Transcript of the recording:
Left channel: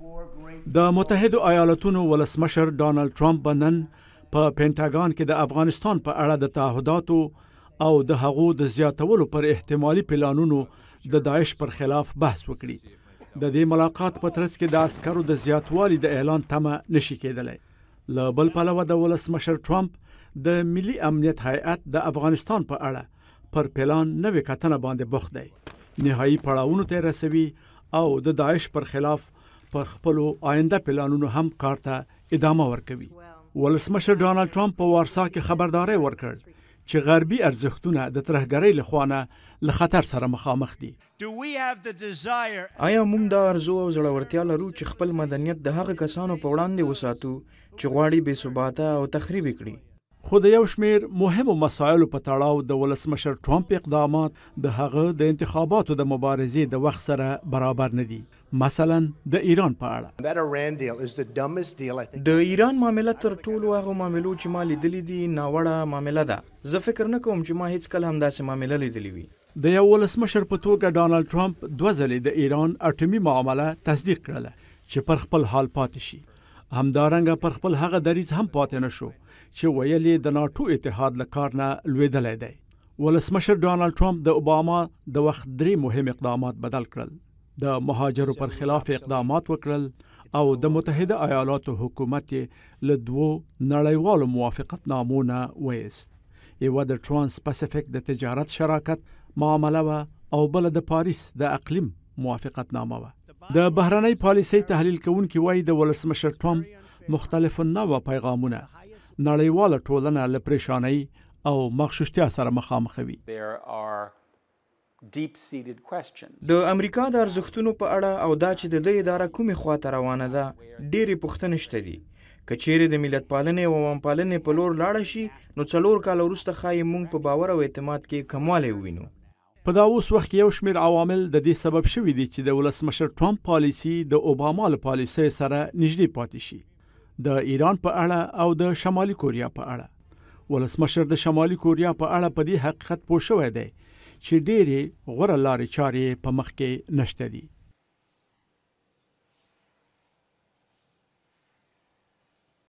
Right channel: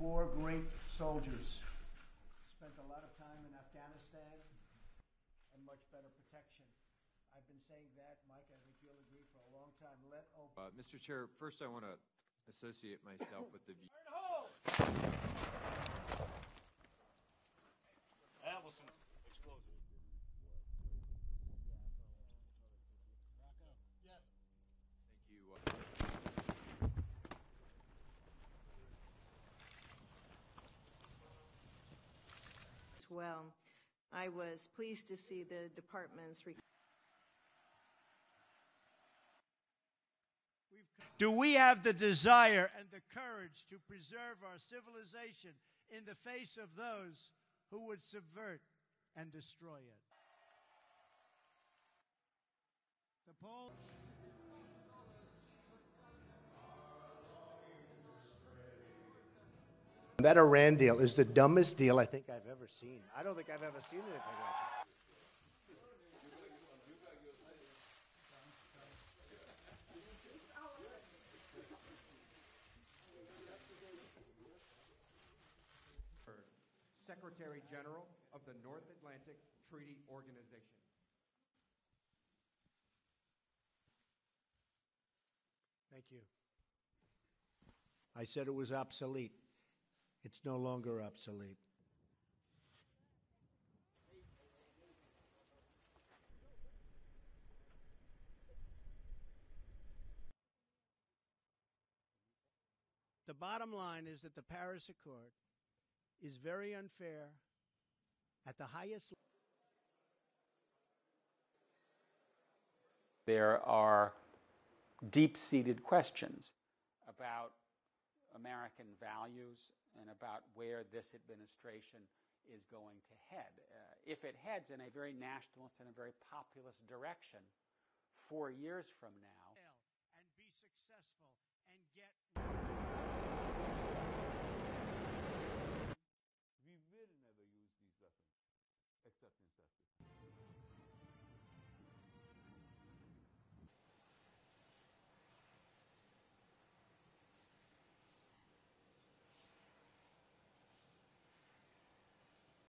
د متحدو ایالاتونو ولسمشر ډانلډ ټرمپ به نن په پینټاګان کې د افغانستان په اړه د تعهداتو او د هغو د زیاتولو پر احتمالي پلانونو د داعش پر خلاف بحث وکړي. د دې ملاقات په ترڅ کې د عسکرو د زیاتوالي د اعلان تمه نشي کېدلی. له بل پلوه د ولسمشر ټرمپ د ملي امنیت هیئت د افغانستان په اړه پر پلان نوې کتنه باندې بوخت دی. نهایي پړاوونو ته رسوي او د داعش پر خلاف پر خپلو آینده پلانونو هم کار ته ادامه ورکوي. ولسمشر ډانلډ ټرمپ په وارسا کې خبرداری ورکړ چې غربي ارزښتونه د ترهګرۍ لخوانه له خطر سره مخامخ دي. آیا موږ دا ارزو او زړورتیا لرو چې خپل مدنیت د هغه کسانو په وړاندې وساتو چې غواړي بې ثباته او تخریب کړي؟ خو د یو شمیر مهمو مسایلو په تړاو د ولسمشر ټرمپ اقدامات د هغه د انتخاباتو د مبارزې د وخت سره برابر نه دي. مثلا د ایران په اړه د ایران معامله تر ټولو هغو معاملو چې ما لیدلې دي ناوړه معامله ده. زه فکر نه کوم چې ما هیڅ کله همداسې معامله لیدلې وي. د یو ولسمشر په توګه ډانلډ ټرمپ 2 ځلې د ایران اټومي معامله تصدیق کړله چې پر خپل حال پاتې شي. همدارنګه پر خپل هغه دریځ هم پاتې نشو چې ویلې د ناټو اتحاد له کار نه لوېدلی دی. ولسمشر ډانلډ ټرمپ د اوباما د وخت 3 مهم اقدامات بدل کړل. د مهاجرو پر خلاف اقدامات وکړل او د متحده ایالاتو حکومت له 2 نړیوالو موافقت نامونه ویست. یوه د ترانس پاسفیک د تجارت شراکت معامله وه او بله د پاریس د اقلیم موافقت نامه وه. د بهرنۍ پالیسۍ تحلیل کوونکي وایي د ولسمشر ټرمپ مختلف نوع پیغامونه نړیواله ټولنه له پریشانۍ او مغشوشتیا سره مخامخوي. د امریکا د ارزښتونو په اړه او دا چې د دې اداره کومې خواته روانه ده ډېرې پوښتنې شته دي. که چیرې د ملت پالنې او عوام پالنې په لور لاړه شي نو 4 کاله وروسته ښایي موږ په باور او اعتماد کې کموالی ووینو. په دا اوس وخت کې یو شمیر عوامل د دې سبب شوي دي چې د ولسمشر ټرمپ پالیسي د اوباما له پالیسۍ سره نږدې پاتې شي. د ایران په اړه او د شمالي کوریا په اړه. ولسمشر د شمالي کوریا په اړه په دې حقیقت پوه شوی دی چې ډېرې غوره لارې چارې په مخ کې نشته دي.